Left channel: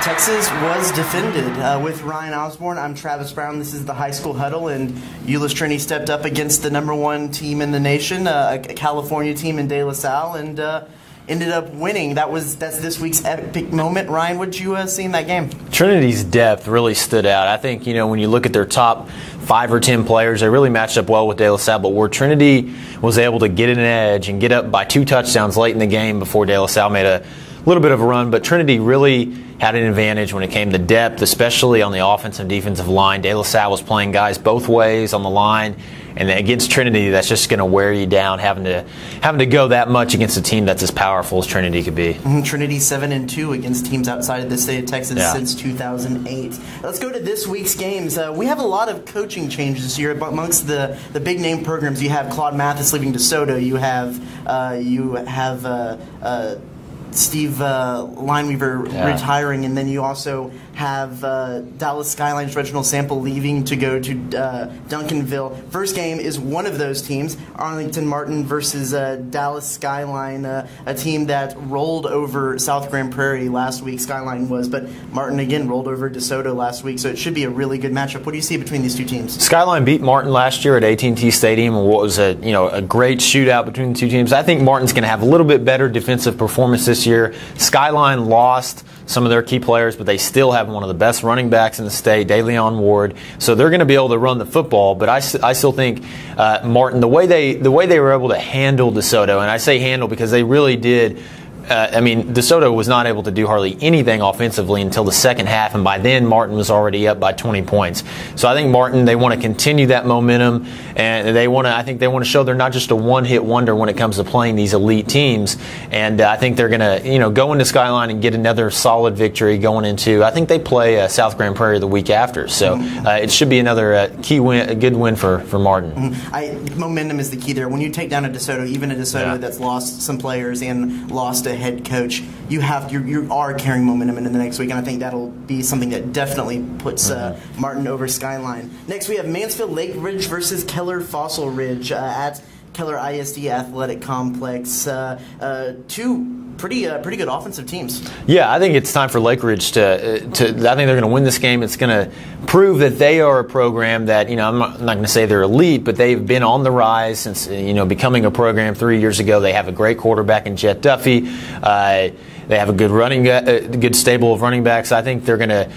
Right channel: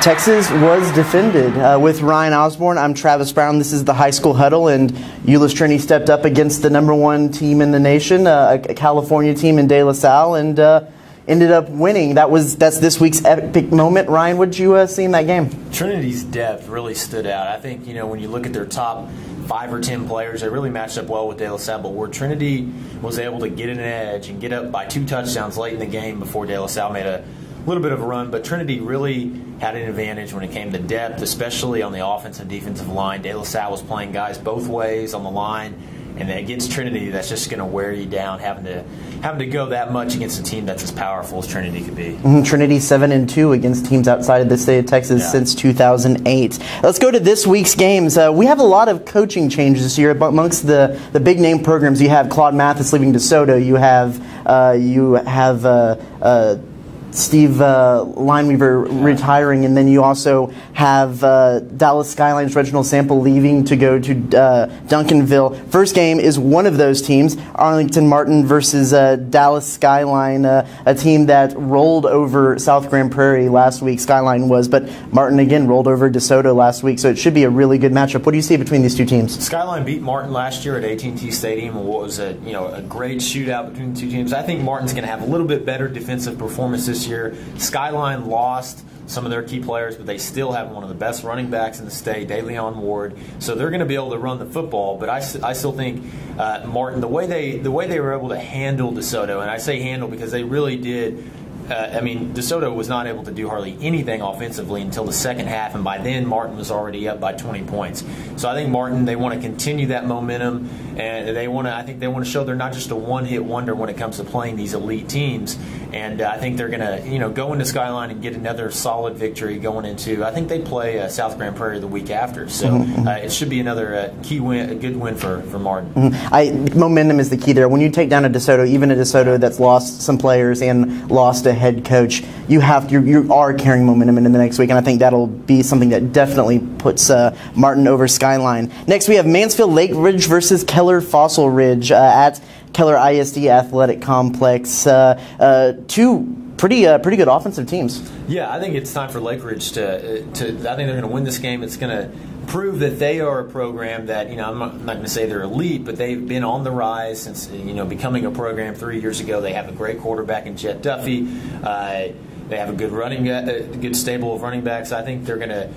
Texas was defended with Ryan Osborne. I'm Travis Brown. This is the High School Huddle, and Euless Trinity stepped up against the #1 team in the nation, a California team in De La Salle, and ended up winning. That's this week's epic moment. Ryan, what did you see in that game? Trinity's depth really stood out. I think, when you look at their top 5 or 10 players, they really matched up well with De La Salle, but where Trinity was able to get an edge and get up by 2 touchdowns late in the game before De La Salle made a little bit of a run, but Trinity really had an advantage when it came to depth, especially on the offensive and defensive line. De La Salle was playing guys both ways on the line, and against Trinity, that's just going to wear you down, having to go that much against a team that's as powerful as Trinity could be. Trinity 7-2 against teams outside of the state of Texas since 2008. Let's go to this week's games. We have a lot of coaching changes this year amongst the big name programs. You have Claude Mathis leaving DeSoto. You have Steve Lineweaver retiring, and then you also have Dallas Skyline's Reginald Sample leaving to go to Duncanville. First game is one of those teams, Arlington Martin versus Dallas Skyline, a team that rolled over South Grand Prairie last week. Skyline was, but Martin again rolled over DeSoto last week, so it should be a really good matchup. What do you see between these two teams? Skyline beat Martin last year at AT&T Stadium, and what was a great shootout between the two teams. I think Martin's going to have a little bit better defensive performance this year. Skyline lost some of their key players, but they still have one of the best running backs in the state, DeLeon Ward. So they're going to be able to run the football. But I still think Martin, the way they were able to handle DeSoto, and I say handle because they really did. DeSoto was not able to do hardly anything offensively until the second half, and by then Martin was already up by 20 points. So I think Martin, they want to continue that momentum, and I think they want to show they're not just a one-hit wonder when it comes to playing these elite teams. And I think they're going to, go into Skyline and get another solid victory going into. I think they play South Grand Prairie the week after, so it should be another key win, a good win for Martin. Momentum is the key there. When you take down a DeSoto, even a DeSoto that's lost some players and lost a head coach, you are carrying momentum into the next week, and I think that'll be something that definitely puts Martin over Skyline. Next, we have Mansfield Lake Ridge versus Keller Fossil Ridge at Keller ISD Athletic Complex. Two pretty good offensive teams. Yeah, I think it's time for Lake Ridge to I think they're going to win this game. It's going to prove that they are a program that, I'm not going to say they're elite, but they've been on the rise since, becoming a program 3 years ago. They have a great quarterback in Jet Duffy. They have a good stable of running backs. I think they're going to,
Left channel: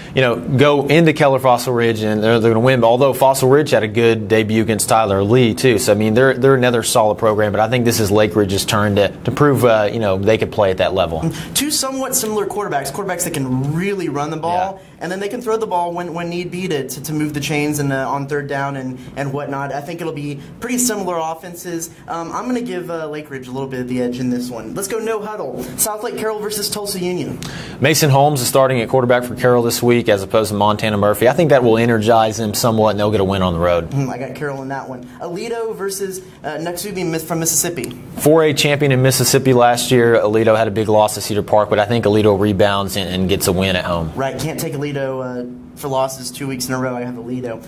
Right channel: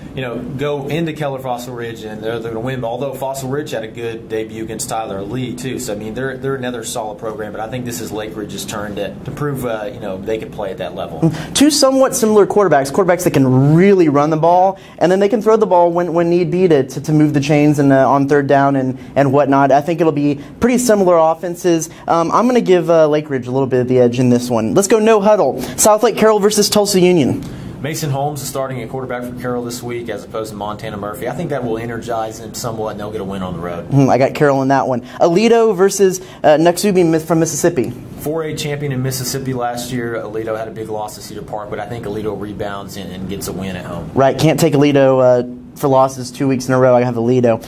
go into Keller Fossil Ridge and they're going to win. Although Fossil Ridge had a good debut against Tyler Lee too, so they're another solid program. But I think this is Lake Ridge's turn to prove they could play at that level. Two somewhat similar quarterbacks that can really run the ball, and then they can throw the ball when need be to move the chains and on third down and whatnot. I think it'll be pretty similar offenses. I'm going to give Lake Ridge a little bit of the edge in this one. Let's go no huddle. South Lake Carroll versus Tulsa Union. Mason Holmes is starting at quarterback for Carroll this week as opposed to Montana Murphy. I think that will energize them somewhat, and they'll get a win on the road. I got Carroll in that one. Aledo versus Noxubee from Mississippi. 4A champion in Mississippi last year. Aledo had a big loss to Cedar Park, but I think Aledo rebounds and gets a win at home. Right, can't take Aledo for losses 2 weeks in a row. I have Aledo.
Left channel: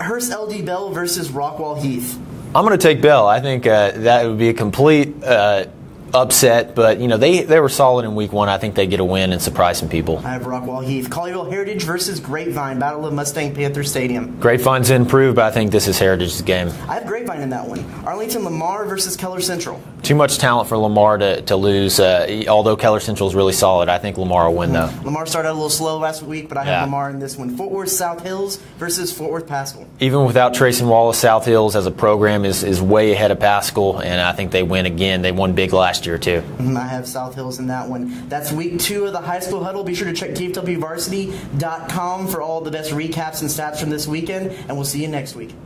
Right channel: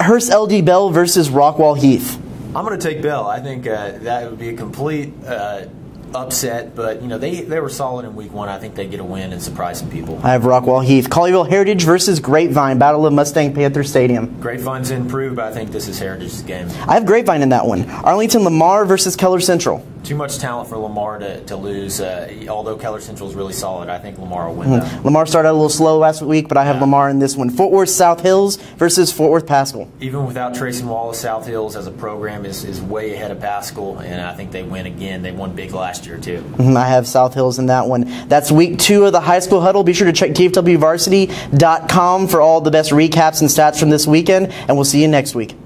Hearst LD Bell versus Rockwall Heath. I'm going to take Bell. I think that would be a complete upset, but they were solid in week 1. I think they get a win and surprise some people. I have Rockwall Heath. Colleyville Heritage versus Grapevine, Battle of Mustang Panther Stadium. Grapevine's improved, but I think this is Heritage's game. I have Grapevine in that one. Arlington Lamar versus Keller Central. Too much talent for Lamar to lose. Although Keller Central is really solid, I think Lamar will win though. Lamar started out a little slow last week, but I have Lamar in this one. Fort Worth South Hills versus Fort Worth Pascal. Even without Trace and Wallace, South Hills as a program is way ahead of Pascal, and I think they win again. They won big last year too. I have South Hills in that one. That's week 2 of the High School Huddle. Be sure to check TFWvarsity.com for all the best recaps and stats from this weekend, and we'll see you next week.